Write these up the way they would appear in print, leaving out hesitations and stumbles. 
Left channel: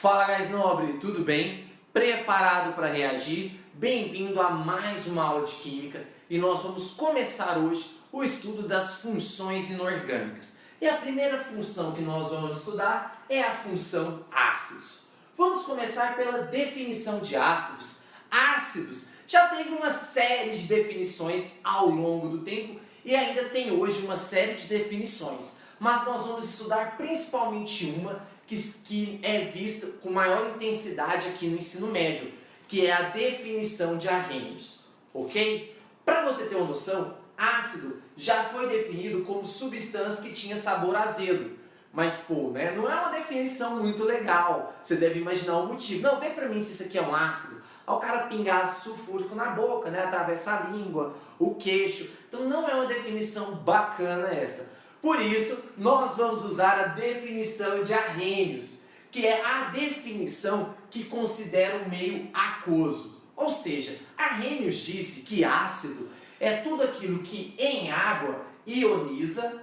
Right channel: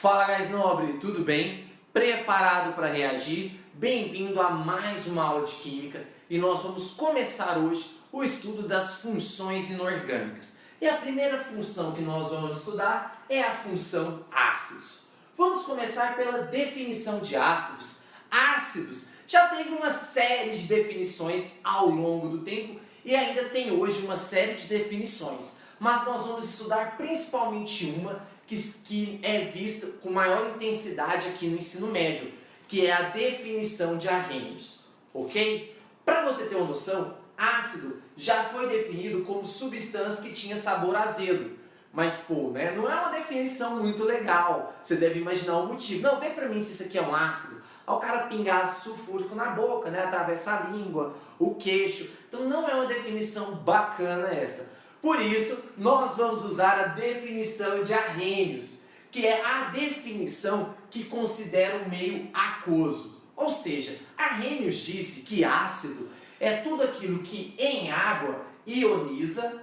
Fala, gás nobre, tudo bem? Preparado para reagir? Bem-vindo a mais uma aula de Química e nós vamos começar hoje o estudo das funções inorgânicas. E a primeira função que nós vamos estudar é a função ácidos. Vamos começar pela definição de ácidos. Ácidos já teve uma série de definições ao longo do tempo e ainda tem hoje uma série de definições, mas nós vamos estudar principalmente uma que é vista com maior intensidade aqui no ensino médio, que é a definição de Arrhenius, ok? Para você ter uma noção, ácido já foi definido como substância que tinha sabor azedo, mas né, não é uma definição muito legal, você deve imaginar o motivo. Não, vê para mim se isso aqui é um ácido. Ao cara pingar ácido sulfúrico na boca, né, atravessa a língua, o queixo, então não é uma definição bacana essa. Por isso, nós vamos usar a definição de Arrhenius, que é a definição que considera um meio aquoso. Ou seja, Arrhenius disse que ácido é tudo aquilo que em água ioniza,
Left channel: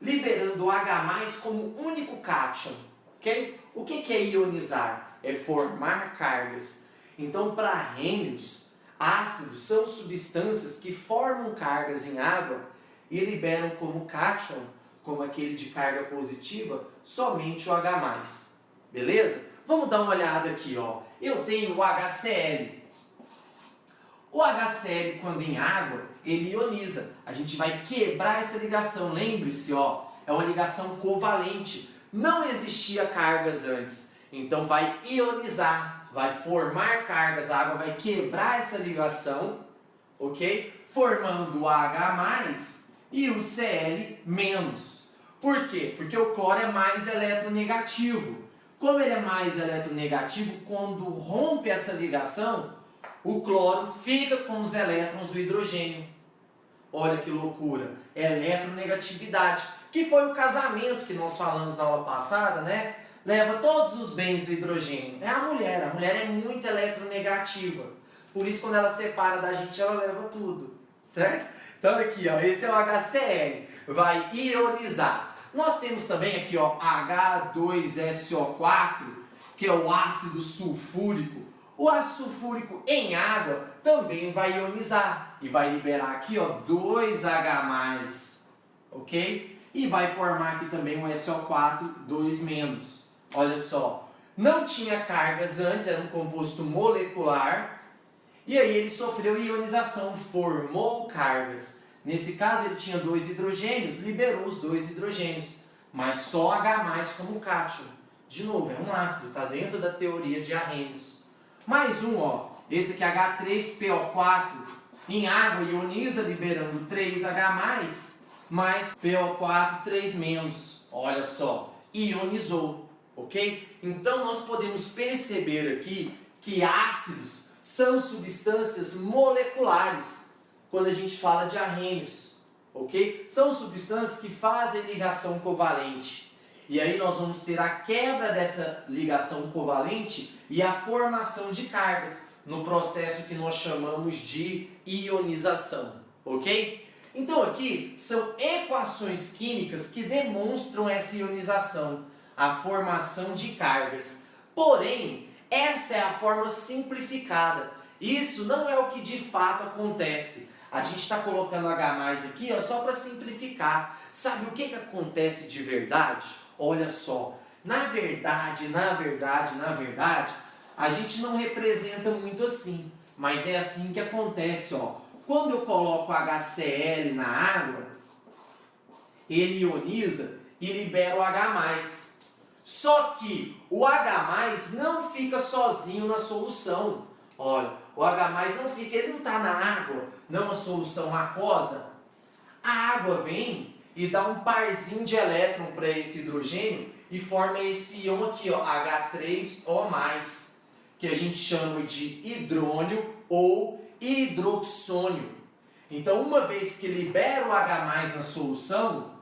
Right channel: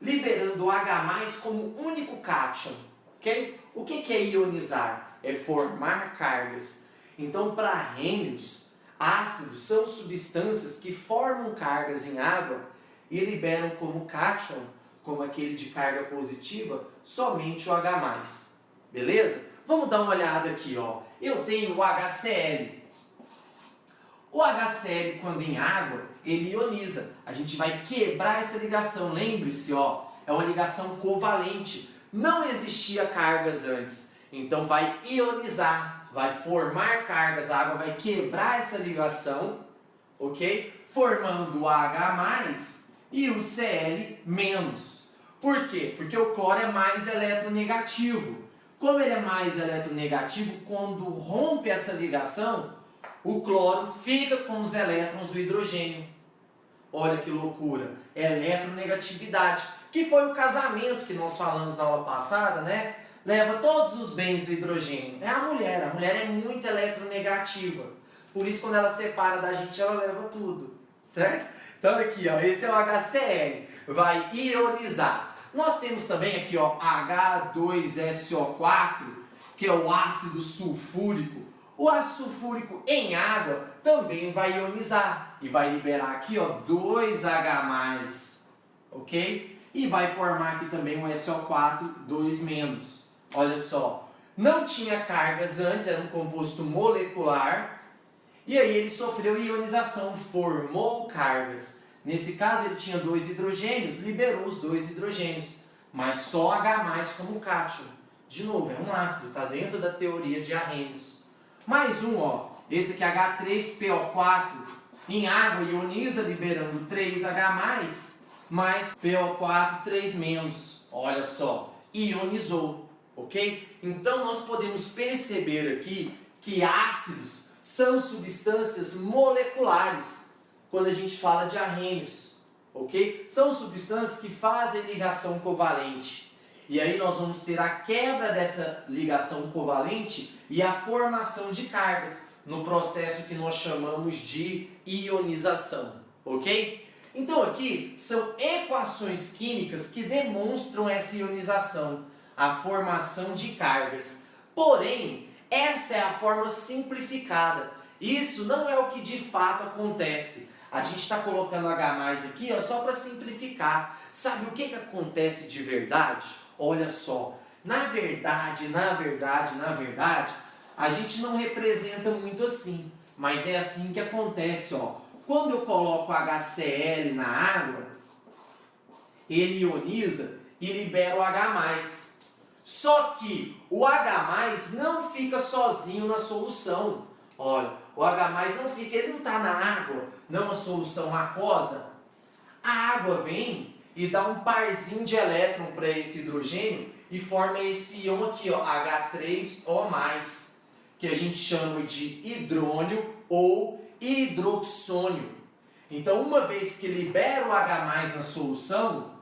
liberando o H+ como único cátion. Okay? O que é ionizar? É formar cargas. Então, para Arrhenius, ácidos são substâncias que formam cargas em água e liberam como cátion, como aquele de carga positiva, somente o H+. Beleza? Vamos dar uma olhada aqui, ó. Eu tenho o HCl. O HCl, quando em água, ele ioniza. A gente vai quebrar essa ligação. Lembre-se, ó, é uma ligação covalente. Não existia cargas antes. Então vai ionizar, vai formar cargas. A água vai quebrar essa ligação, ok? Formando o H+ e o Cl-. Por quê? Porque o cloro é mais eletronegativo. Como ele é mais eletronegativo, quando rompe essa ligação, o cloro fica com os elétrons do hidrogênio. Olha que loucura! Eletronegatividade, que foi o casamento que nós falamos na aula passada, né? Leva todos os bens do hidrogênio. É a mulher é muito eletronegativa. Por isso, quando ela separa da gente, ela leva tudo, certo? Então aqui, ó, esse é o HCl, vai ionizar. Nós temos também aqui, ó, H2SO4, que é o ácido sulfúrico. O ácido sulfúrico em água também vai ionizar e vai liberar aqui, ó, 2H+, ok? E vai formar aqui também um SO4, 2-. Olha só, não tinha cargas antes, era um composto molecular. E aí ele sofreu ionização, formou cargas. Nesse caso ele tinha 2 hidrogênios, liberou os 2 hidrogênios, mas só H+ como cátion. De novo, é um ácido, está dentro da teoria de Arrhenius. Mais um, ó, esse aqui H3PO4, em água ioniza liberando 3H+, mais PO4, 3-. Olha só, ionizou, ok? Então nós podemos perceber aqui que ácidos são substâncias moleculares quando a gente fala de Arrhenius, ok? São substâncias que fazem ligação covalente. E aí nós vamos ter a quebra dessa ligação covalente e a formação de cargas no processo que nós chamamos de ionização, ok? Então aqui são equações químicas que demonstram essa ionização, a formação de cargas. Porém, essa é a forma simplificada. Isso não é o que de fato acontece. A gente está colocando H+ aqui, ó, só para simplificar. Sabe o que acontece de verdade? Olha só, na verdade, a gente não representa muito assim. Mas é assim que acontece, ó. Quando eu coloco HCl na água, ele ioniza e libera o H+. Só que o H+ não fica sozinho na solução. Olha, o H+ não fica, ele não está na água, não é uma solução aquosa. A água vem e dá um parzinho de elétron para esse hidrogênio e forma esse íon aqui, ó, H3O+, que a gente chama de hidrônio ou hidroxônio. Então, uma vez que libera o H+ na solução,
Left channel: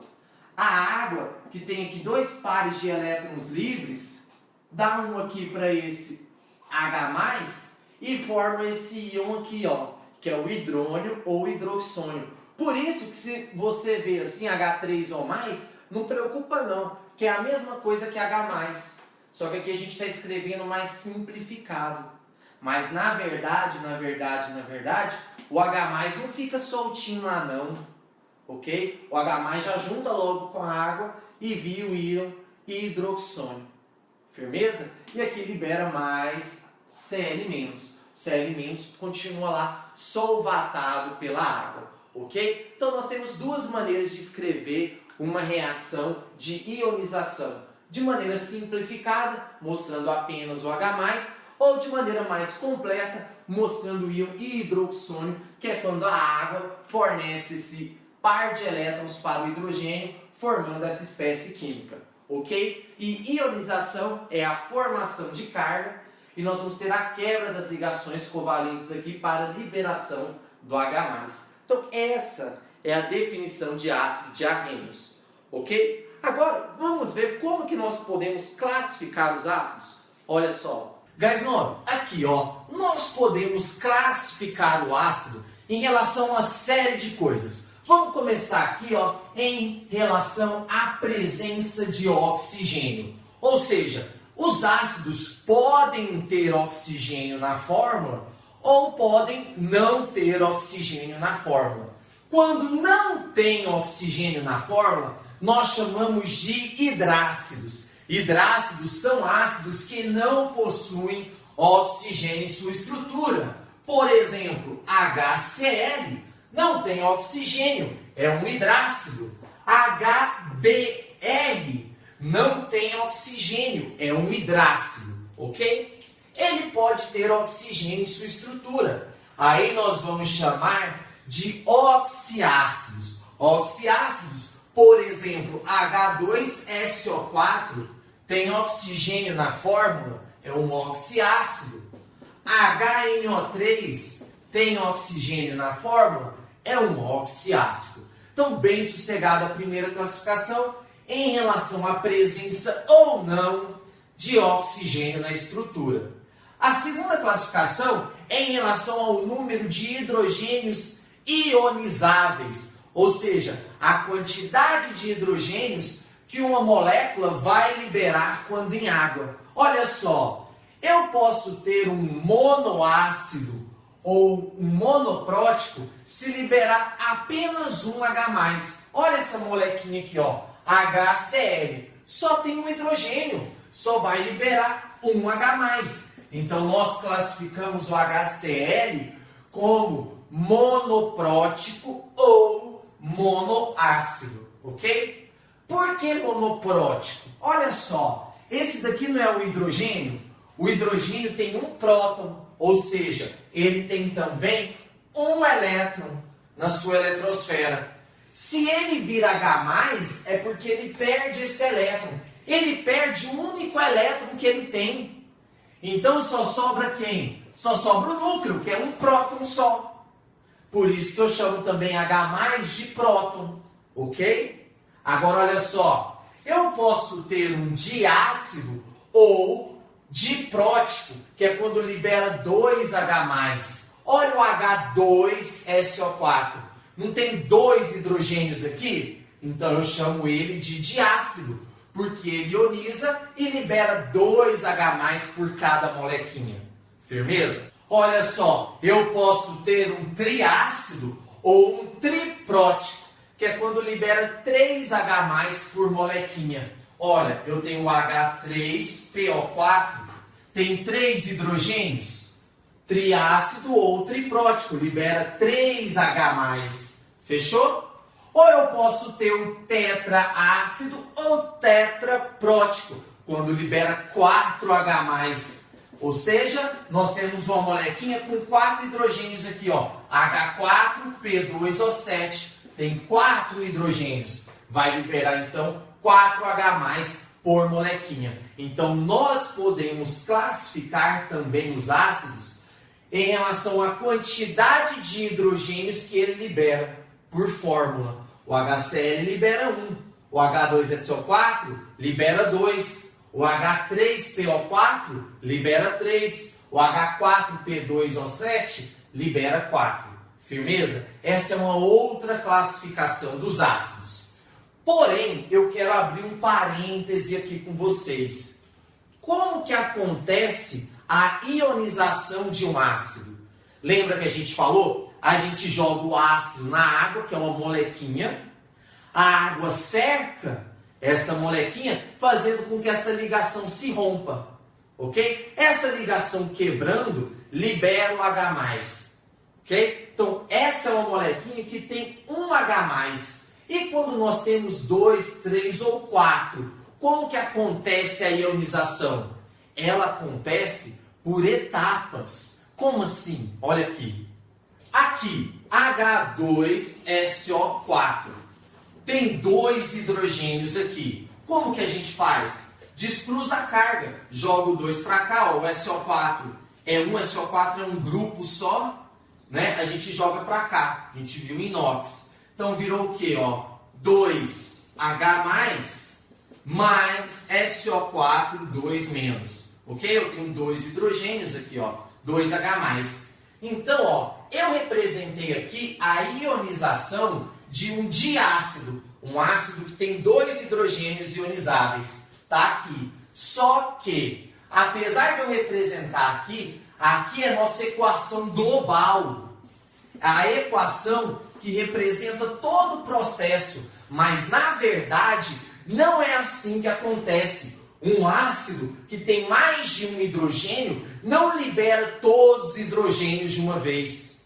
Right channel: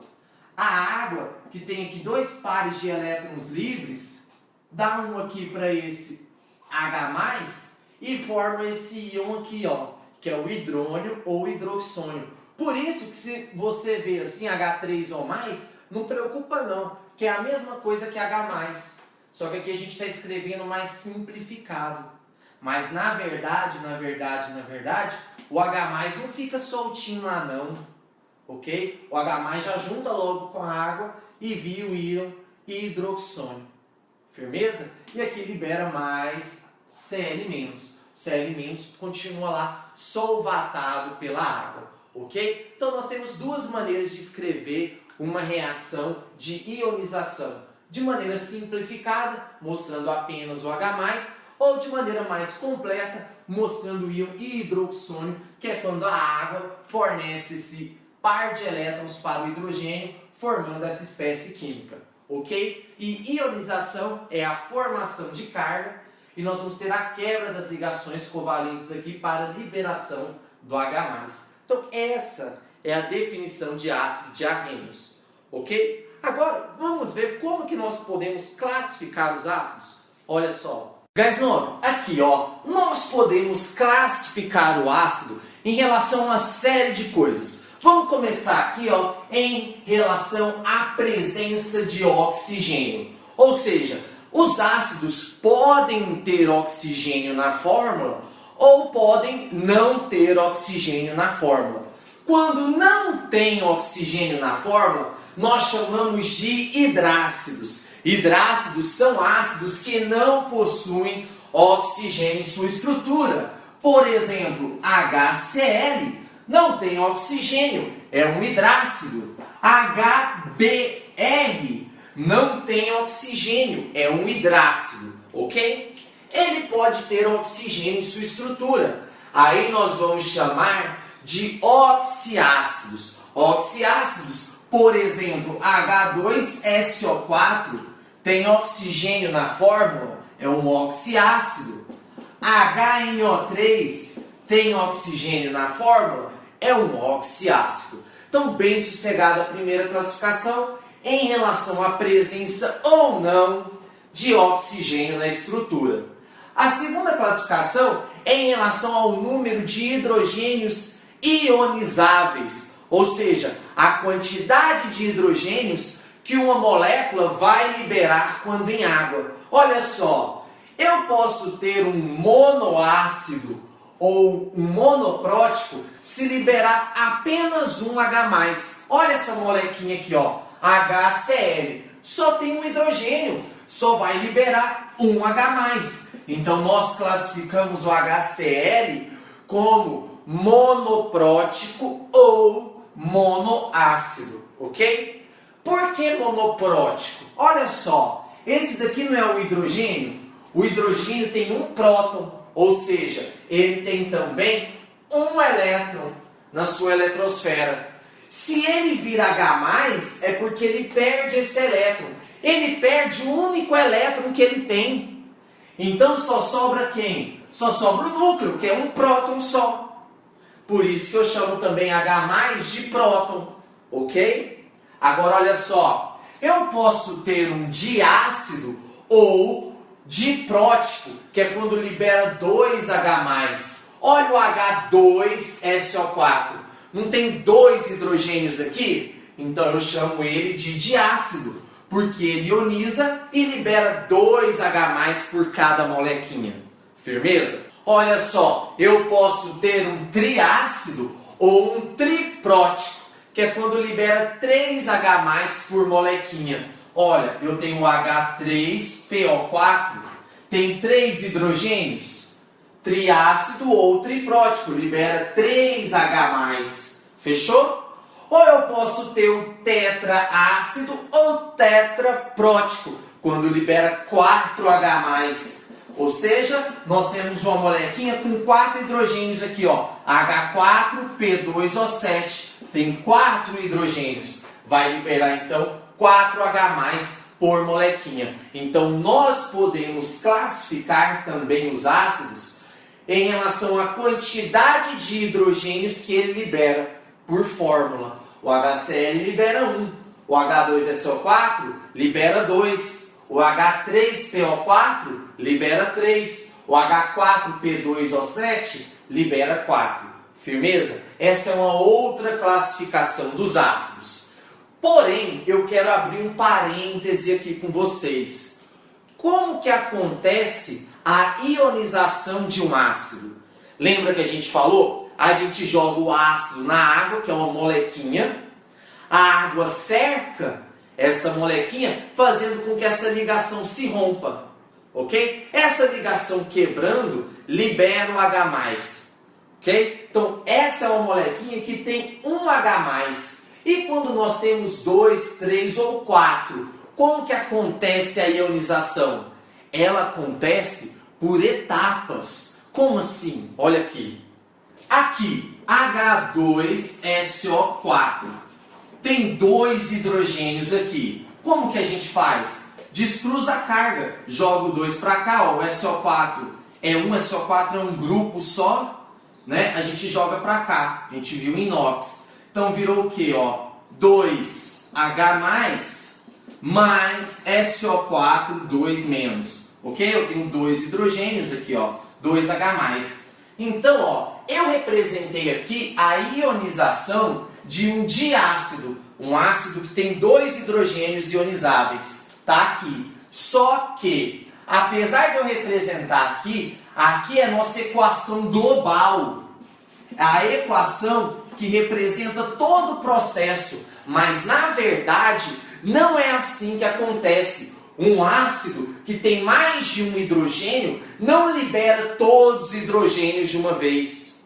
a água, que tem aqui 2 pares de elétrons livres, dá um aqui para esse H+, e forma esse íon aqui, ó, que é o hidrônio ou hidroxônio. Por isso que se você vê assim H3O+, não preocupa não, que é a mesma coisa que H+. Só que aqui a gente está escrevendo mais simplificado. Mas na verdade, o H+ não fica soltinho lá não, ok? O H+ já junta logo com a água e vira o íon e hidroxônio. Firmeza? E aqui libera mais Cl-. Cl- continua lá solvatado pela água, ok? Então nós temos duas maneiras de escrever uma reação de ionização. De maneira simplificada, mostrando apenas o H+, ou de maneira mais completa, mostrando o íon hidroxônio, que é quando a água fornece esse par de elétrons para o hidrogênio, formando essa espécie química, ok? E ionização é a formação de carga, e nós vamos ter a quebra das ligações covalentes aqui para a liberação do H+. Então essa é a definição de ácido de Arrhenius, ok? Agora vamos ver como que nós podemos classificar os ácidos. Olha só, guys, aqui ó, nós podemos classificar o ácido em relação a uma série de coisas. Vamos começar aqui ó, em relação à presença de oxigênio. Ou seja, os ácidos podem ter oxigênio na fórmula ou podem não ter oxigênio na fórmula. Quando não tem oxigênio na fórmula, nós chamamos de hidrácidos. Hidrácidos são ácidos que não possuem oxigênio em sua estrutura. Por exemplo, HCl não tem oxigênio, é um hidrácido. HBr não tem oxigênio, é um hidrácido, ok? Ele pode ter oxigênio em sua estrutura. Aí nós vamos chamar de oxiácidos. Oxiácidos, por exemplo, H2SO4 tem oxigênio na fórmula, é um oxiácido. HNO3 tem oxigênio na fórmula, é um oxiácido. Então, bem sossegada a primeira classificação em relação à presença ou não de oxigênio na estrutura. A segunda classificação é em relação ao número de hidrogênios ionizáveis, ou seja, a quantidade de hidrogênios que uma molécula vai liberar quando em água. Olha só, eu posso ter um monoácido ou um monoprótico se liberar apenas um H+. Olha essa molequinha aqui, ó, HCl, só tem um hidrogênio, só vai liberar um H+. Então nós classificamos o HCl como monoprótico ou monoácido, ok? Por que monoprótico? Olha só, esse daqui não é o hidrogênio? O hidrogênio tem um próton, ou seja, ele tem também um elétron na sua eletrosfera. Se ele vira H+, é porque ele perde esse elétron. Ele perde o único elétron que ele tem. Então só sobra quem? Só sobra o núcleo, que é um próton só. Por isso que eu chamo também H+ de próton, ok? Agora olha só, eu posso ter um diácido ou diprótico, que é quando libera 2 H+. Olha o H2SO4, não tem 2 hidrogênios aqui? Então eu chamo ele de diácido, porque ele ioniza e libera 2 H+ por cada molequinha. Firmeza? Olha só, eu posso ter um triácido ou um triprótico, que é quando libera 3 H+ por molequinha. Olha, eu tenho o H3PO4, tem 3 hidrogênios. Triácido ou triprótico, libera 3 H+. Fechou? Ou eu posso ter o tetraácido ou tetraprótico, quando libera 4 H+. Ou seja, nós temos uma molequinha com 4 hidrogênios aqui, ó, H4P2O7, tem 4 hidrogênios, vai liberar então 4 H+ por molequinha. Então nós podemos classificar também os ácidos em relação à quantidade de hidrogênios que ele libera por fórmula. O HCl libera 1, o H2SO4 libera 2. O H3PO4 libera 3. O H4P2O7 libera 4. Firmeza? Essa é uma outra classificação dos ácidos. Porém, eu quero abrir um parêntese aqui com vocês. como que acontece a ionização de um ácido? Lembra que a gente falou? A gente joga o ácido na água, que é uma molequinha. A água cerca essa molequinha, fazendo com que essa ligação se rompa. Ok? Essa ligação quebrando, libera o H+. Ok? Então, essa é uma molequinha que tem um H+. E quando nós temos 2, 3 ou 4, como que acontece a ionização? Ela acontece por etapas. Como assim? Olha aqui. Aqui, H2SO4. Tem 2 hidrogênios aqui. Como que a gente faz? Descruza a carga. Joga o 2 para cá, ó, o SO4 é um, SO4 é um grupo só, né? A gente joga para cá. A gente viu em inox. Então virou o quê? Ó? 2H+, mais SO4, 2-. Ok? Eu tenho 2 hidrogênios aqui, ó, 2H+. Então, ó, eu representei aqui a ionização de um diácido, um ácido que tem 2 hidrogênios ionizáveis. Tá aqui. Só que, apesar de eu representar aqui, aqui é a nossa equação global. A equação que representa todo o processo. Mas, na verdade, não é assim que acontece. Um ácido que tem mais de um hidrogênio não libera todos os hidrogênios de uma vez.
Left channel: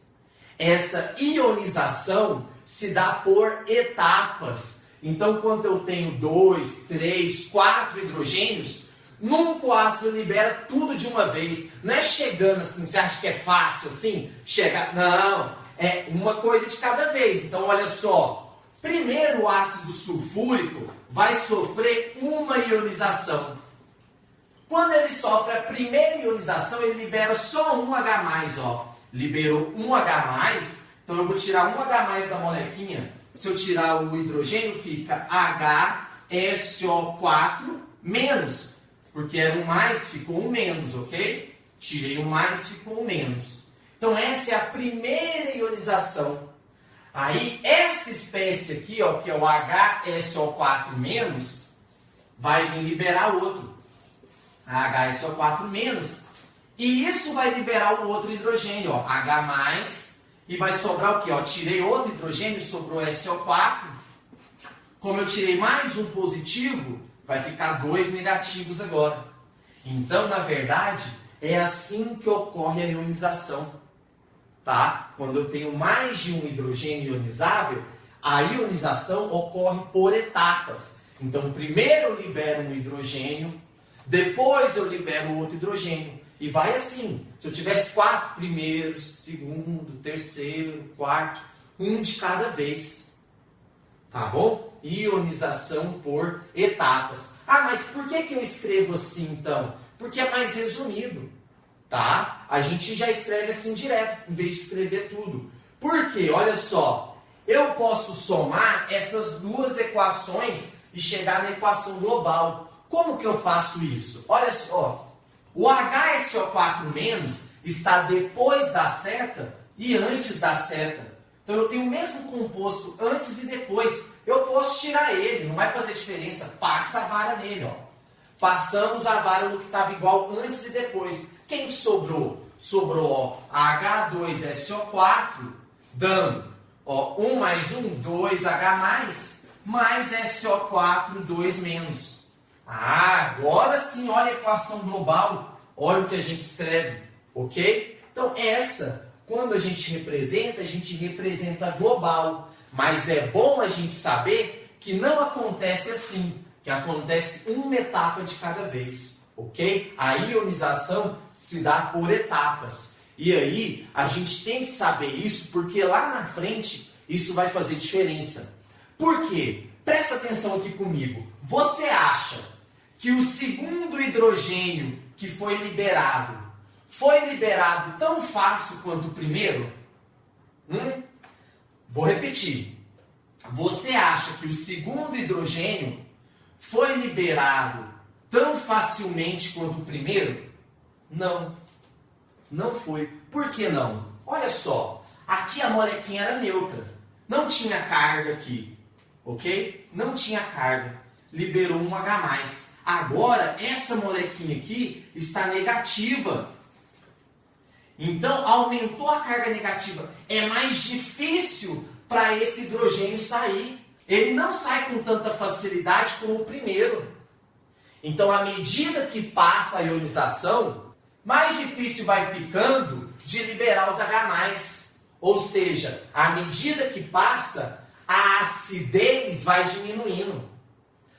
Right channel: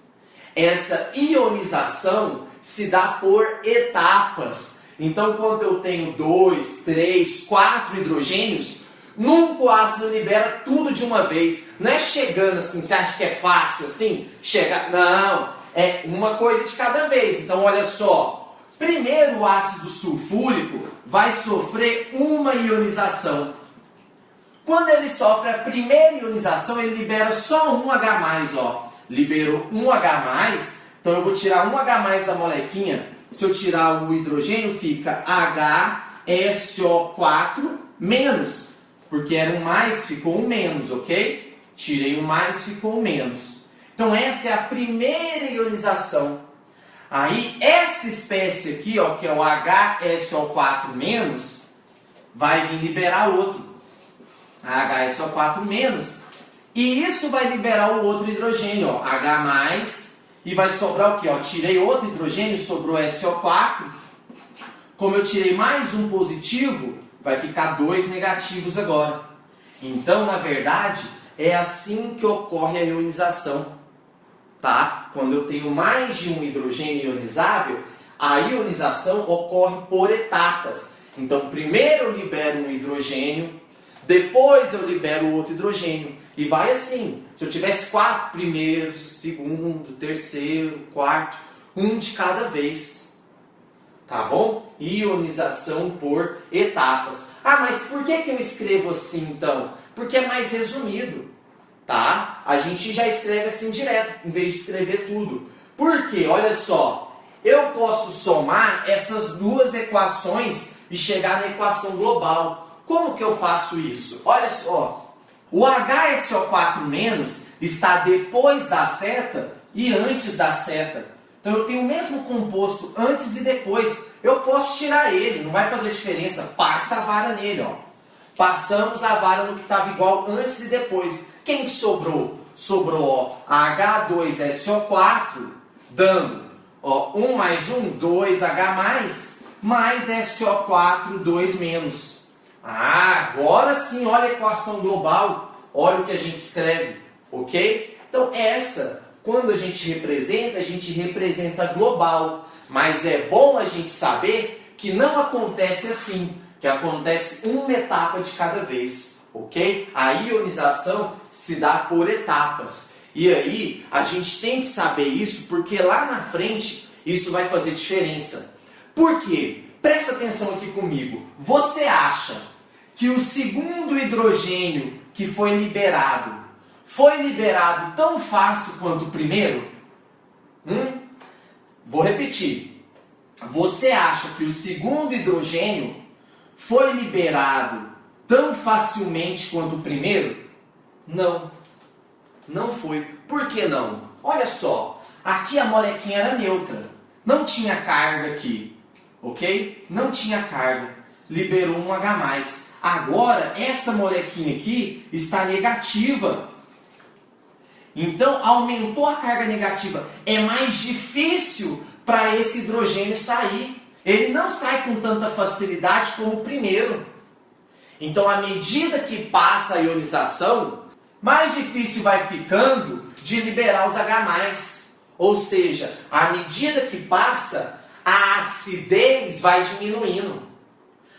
Essa ionização se dá por etapas. Então, quando eu tenho 2, 3, 4 hidrogênios, nunca o ácido libera tudo de uma vez. Não é chegando assim, você acha que é fácil assim? Chegar? Não, é uma coisa de cada vez. Então, olha só. Primeiro, o ácido sulfúrico vai sofrer uma ionização. Quando ele sofre a primeira ionização, ele libera só um H+, ó. Liberou um H+, então eu vou tirar um H+ da molequinha. Se eu tirar o hidrogênio, fica HSO4-, porque era um mais, ficou um menos, ok? Tirei o mais, ficou um menos. Então essa é a primeira ionização. Aí essa espécie aqui, ó, que é o HSO4-, vai vir liberar outro. HSO4-, e isso vai liberar o outro hidrogênio, ó, H+, e vai sobrar o quê? Ó, tirei outro hidrogênio, sobrou SO4. Como eu tirei mais um positivo, vai ficar 2 negativos agora. Então, na verdade, é assim que ocorre a ionização. Tá? Quando eu tenho mais de um hidrogênio ionizável, a ionização ocorre por etapas. Então, primeiro eu libero um hidrogênio, depois eu libero o outro hidrogênio. E vai assim. Se eu tivesse 4 primeiros, segundo, terceiro, quarto, um de cada vez. Tá bom? Ionização por etapas. Ah, mas por que eu escrevo assim então? Porque é mais resumido. Tá? A gente já escreve assim direto, em vez de escrever tudo. Por quê? Olha só. Eu posso somar essas duas equações e chegar na equação global. Como que eu faço isso? Olha só. O HSO4- está depois da seta e antes da seta. Então eu tenho o mesmo composto antes e depois. Eu posso tirar ele, não vai fazer diferença. Passa a vara nele, ó. Passamos a vara no que estava igual antes e depois. Quem que sobrou? Sobrou, ó, H2SO4, dando, ó, 1 mais 1, 2H+, mais SO4, 2-. Ah, agora sim, olha a equação global. Olha o que a gente escreve, ok? Então essa, quando a gente representa global. Mas é bom a gente saber que não acontece assim, que acontece uma etapa de cada vez, ok? A ionização se dá por etapas. E aí, a gente tem que saber isso, porque lá na frente, isso vai fazer diferença. Por quê? Presta atenção aqui comigo. Você acha que o segundo hidrogênio que foi liberado tão fácil quanto o primeiro? Vou repetir. Você acha que o segundo hidrogênio foi liberado tão facilmente quanto o primeiro? Não. Não foi. Por que não? Olha só. Aqui a molequinha era neutra. Não tinha carga aqui. Ok? Não tinha carga. Liberou um H+. Agora, essa molequinha aqui está negativa. Então, aumentou a carga negativa. É mais difícil para esse hidrogênio sair. Ele não sai com tanta facilidade como o primeiro. Então, à medida que passa a ionização, mais difícil vai ficando de liberar os H+. Ou seja, à medida que passa, a acidez vai diminuindo.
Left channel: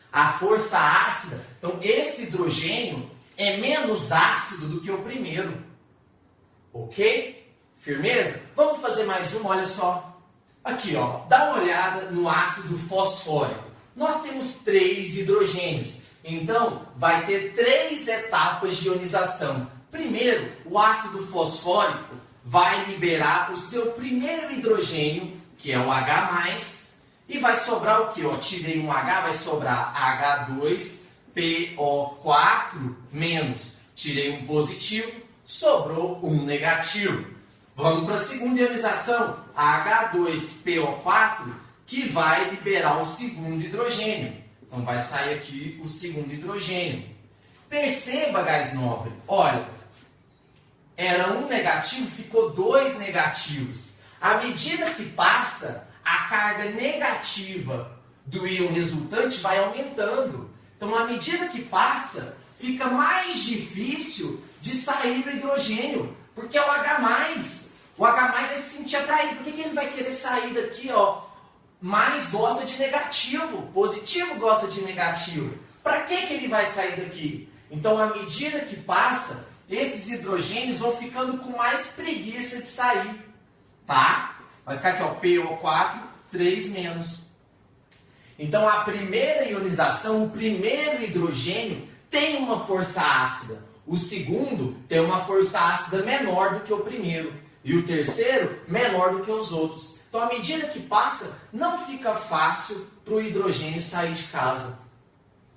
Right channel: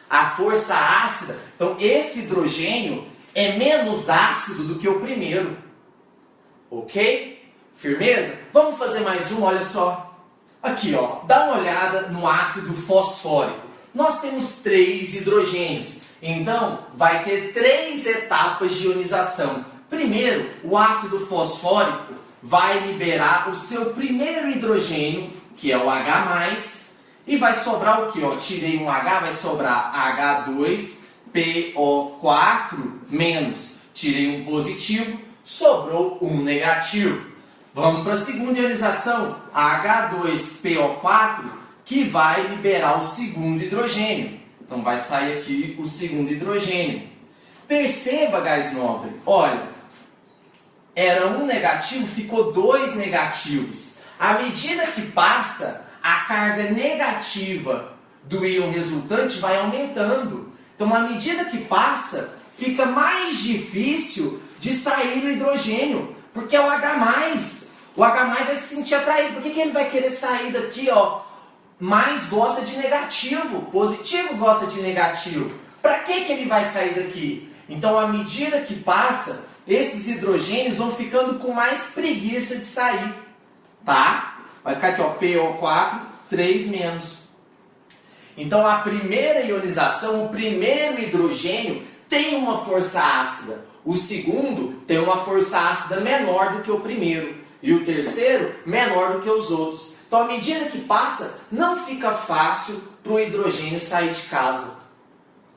A força ácida, então esse hidrogênio é menos ácido do que o primeiro. Ok? Firmeza? Vamos fazer mais uma, olha só. Aqui, ó, dá uma olhada no ácido fosfórico. Nós temos 3 hidrogênios, então vai ter 3 etapas de ionização. Primeiro, o ácido fosfórico vai liberar o seu primeiro hidrogênio, que é o H+, e vai sobrar o que? Tirei um H, vai sobrar H2PO4-. Tirei um positivo, sobrou um negativo. Vamos para a segunda ionização, H2PO4, que vai liberar o segundo hidrogênio. Então vai sair aqui o segundo hidrogênio. Perceba, gás nobre, olha, era um negativo, ficou 2 negativos. À medida que passa, a carga negativa do íon resultante vai aumentando. Então, à medida que passa, fica mais difícil de sair o hidrogênio, porque é o H+. O H+ vai se sentir atraído. Por que ele vai querer sair daqui, ó? Mais gosta de negativo, positivo gosta de negativo. Para que ele vai sair daqui? Então, à medida que passa, esses hidrogênios vão ficando com mais preguiça de sair, tá? Vai ficar aqui, ó, PO4, 3-. Então, a primeira ionização, o primeiro hidrogênio tem uma força ácida. O segundo tem uma força ácida menor do que o primeiro. E o terceiro, menor do que os outros. Então, à medida que passa, não fica fácil para o hidrogênio sair de casa.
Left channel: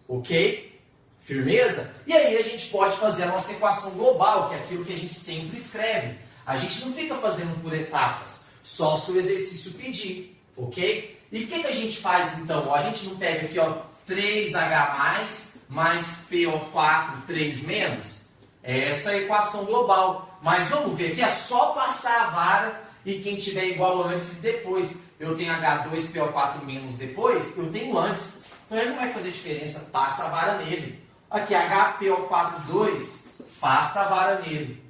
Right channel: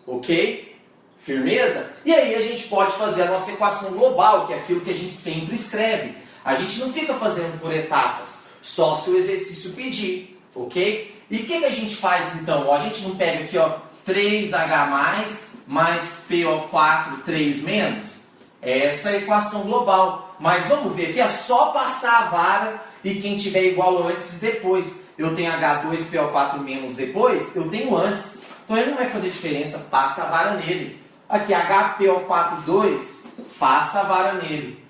Ok? Firmeza? E aí a gente pode fazer a nossa equação global, que é aquilo que a gente sempre escreve. A gente não fica fazendo por etapas, só se o exercício pedir, ok? E o que a gente faz então? Ó, a gente não pega aqui, ó, 3H+, mais PO4, 3-. Essa é a equação global. Mas vamos ver aqui, é só passar a vara e quem tiver igual antes e depois. Eu tenho H2PO4- depois, eu tenho antes. Então ele não vai fazer diferença, passa a vara nele. Aqui, HPO4-2, passa a vara nele.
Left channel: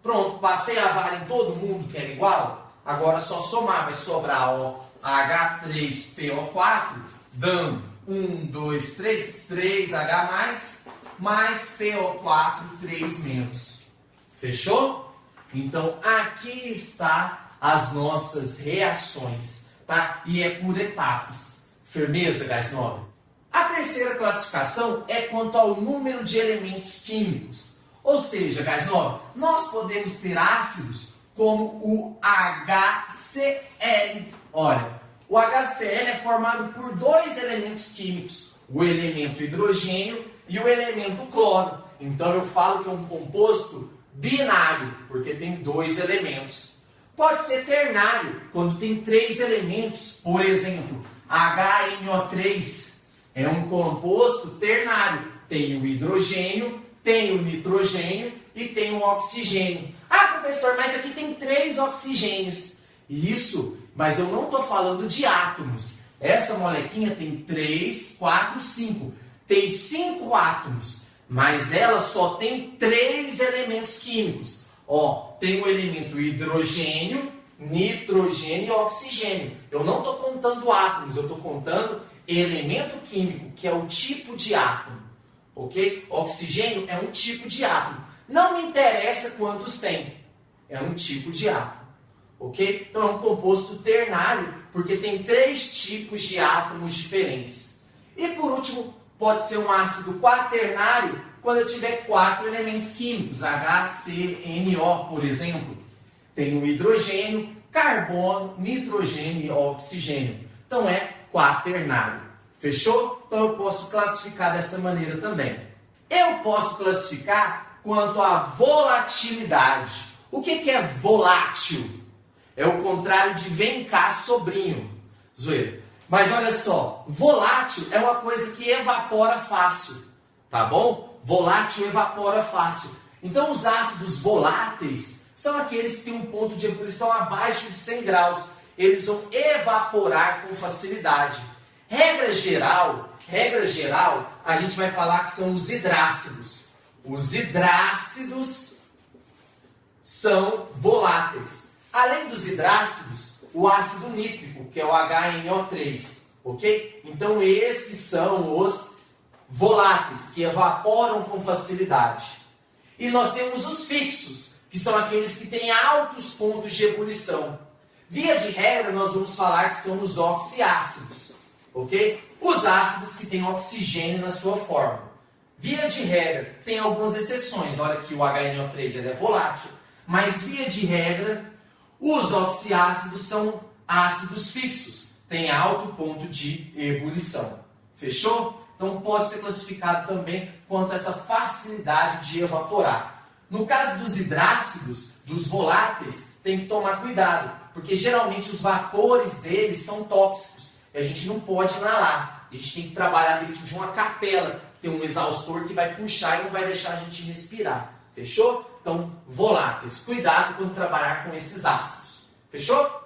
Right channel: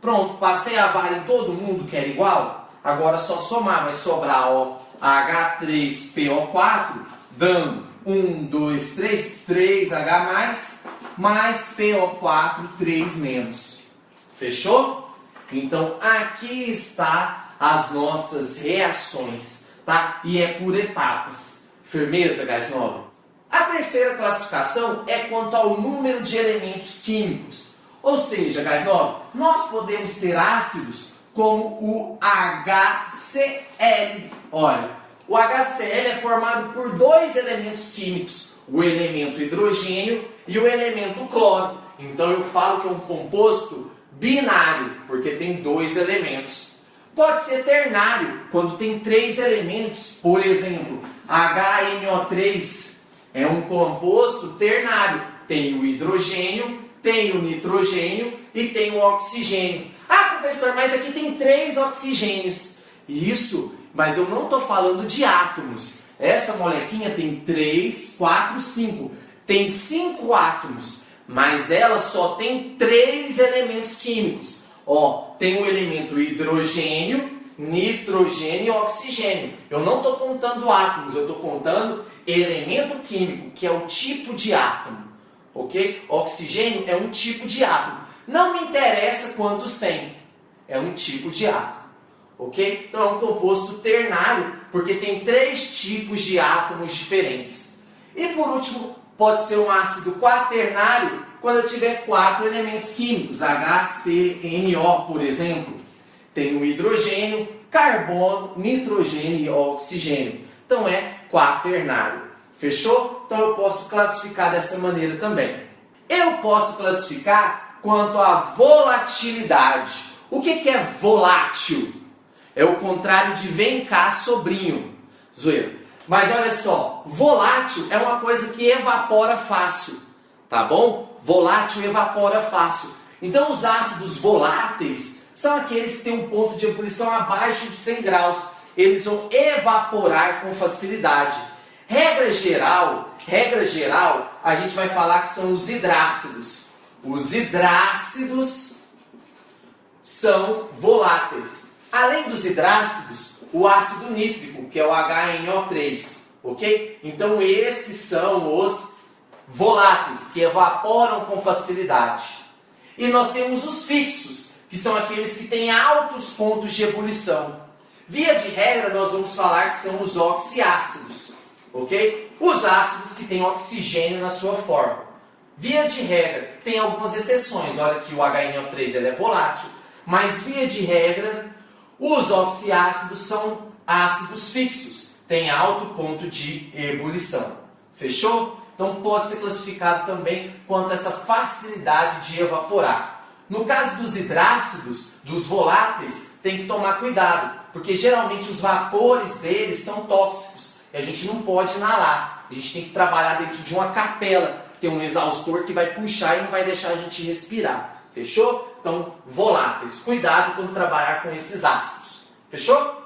Pronto, passei a vara em todo mundo que era igual. Agora é só somar, vai sobrar, ó, H3PO4, dando 1, 2, 3, 3H+, mais PO4, 3-. Fechou? Então, aqui está as nossas reações, tá? E é por etapas. Firmeza, gás nobre? A terceira classificação é quanto ao número de elementos químicos. Ou seja, gás nobre, nós podemos ter ácidos como o HCl. Olha, o HCl é formado por 2 elementos químicos, o elemento hidrogênio e o elemento cloro. Então eu falo que é um composto binário, porque tem 2 elementos. Pode ser ternário, quando tem 3 elementos, por exemplo, HNO3 é um composto ternário. Tem o hidrogênio, tem o nitrogênio e tem o oxigênio. Ah, professor, mas aqui tem 3 oxigênios. Isso, mas eu não estou falando de átomos. Essa molequinha tem 3, 4, 5. Tem 5 átomos, mas ela só tem 3 elementos químicos. Ó, tem o elemento hidrogênio, nitrogênio e oxigênio. Eu não estou contando átomos, eu estou contando elemento químico, que é o tipo de átomo. Ok? Oxigênio é um tipo de átomo. Não me interessa quantos tem. É um tipo de átomo. Ok? Então é um composto ternário, porque tem 3 tipos de átomos diferentes. E por último, pode ser um ácido quaternário, quando eu tiver 4 elementos químicos, HCNO, por exemplo. Tem o hidrogênio, carbono, nitrogênio e oxigênio. Então é quaternário. Fechou? Então eu posso classificar dessa maneira também. Eu posso classificar quanto à volatilidade. O que é volátil? É o contrário de vem cá, sobrinho. Zoeira. Mas olha só, volátil é uma coisa que evapora fácil. tá bom? Volátil evapora fácil. Então os ácidos voláteis são aqueles que têm um ponto de ebulição abaixo de 100 graus. Eles vão evaporar com facilidade. Regra geral, a gente vai falar que são os hidrácidos. Os hidrácidos são voláteis. Além dos hidrácidos, o ácido nítrico, que é o HNO3, ok? Então esses são os voláteis, que evaporam com facilidade. E nós temos os fixos, que são aqueles que têm altos pontos de ebulição. Via de regra, nós vamos falar que são os oxiácidos, ok? Os ácidos que têm oxigênio na sua forma. Via de regra, tem algumas exceções. Olha que o HNO3 ele é volátil, mas via de regra, os oxiácidos são ácidos fixos, têm alto ponto de ebulição. Fechou? Então pode ser classificado também quanto a essa facilidade de evaporar. No caso dos hidrácidos, dos voláteis, tem que tomar cuidado, porque geralmente os vapores deles são tóxicos e a gente não pode inalar. A gente tem que trabalhar dentro de uma capela, tem um exaustor que vai puxar e não vai deixar a gente respirar. Fechou? Então, voláteis. Cuidado quando trabalhar com esses ácidos. Fechou?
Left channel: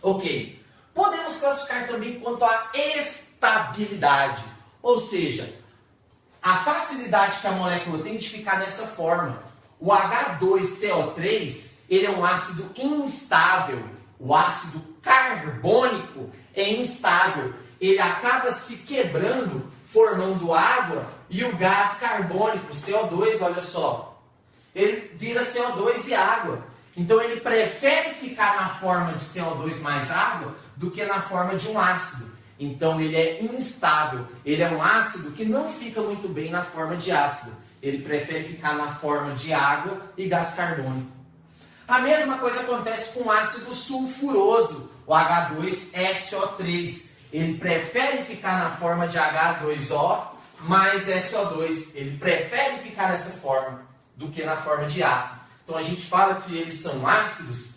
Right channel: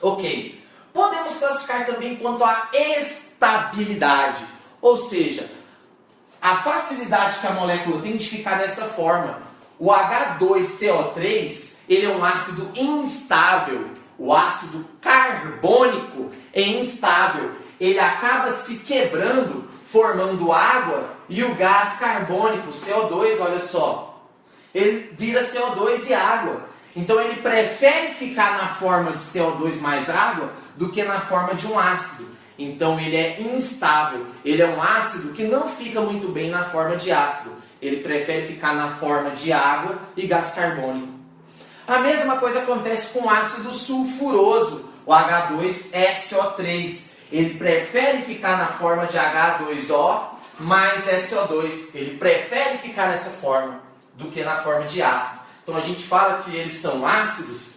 Ok. Podemos classificar também quanto à estabilidade. Ou seja, a facilidade que a molécula tem de ficar dessa forma. O H2CO3, ele é um ácido instável. O ácido carbônico é instável. Ele acaba se quebrando, formando água, e o gás carbônico, CO2, olha só, ele vira CO2 e água. Então ele prefere ficar na forma de CO2 mais água do que na forma de um ácido. Então ele é instável. Ele é um ácido que não fica muito bem na forma de ácido. Ele prefere ficar na forma de água e gás carbônico. A mesma coisa acontece com o ácido sulfuroso, o H2SO3. Ele prefere ficar na forma de H2O mais SO2. Ele prefere ficar nessa forma do que na forma de ácido. Então a gente fala que eles são ácidos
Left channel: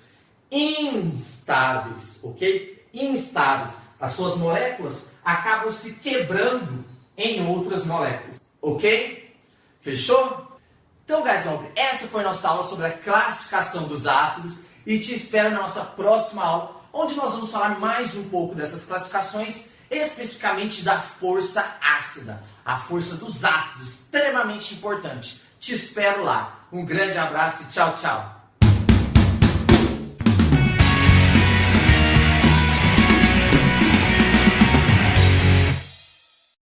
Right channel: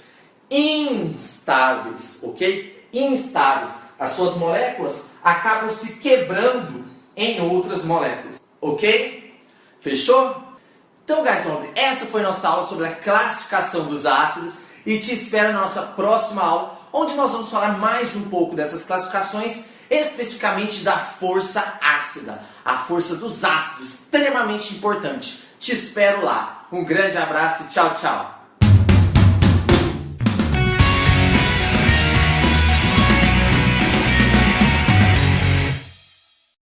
instáveis, ok? Instáveis. As suas moléculas acabam se quebrando em outras moléculas, ok? Fechou? Então, guys, essa foi a nossa aula sobre a classificação dos ácidos e te espero na nossa próxima aula, onde nós vamos falar mais um pouco dessas classificações, especificamente da força ácida, a força dos ácidos, extremamente importante. Te espero lá. Um grande abraço e tchau, tchau!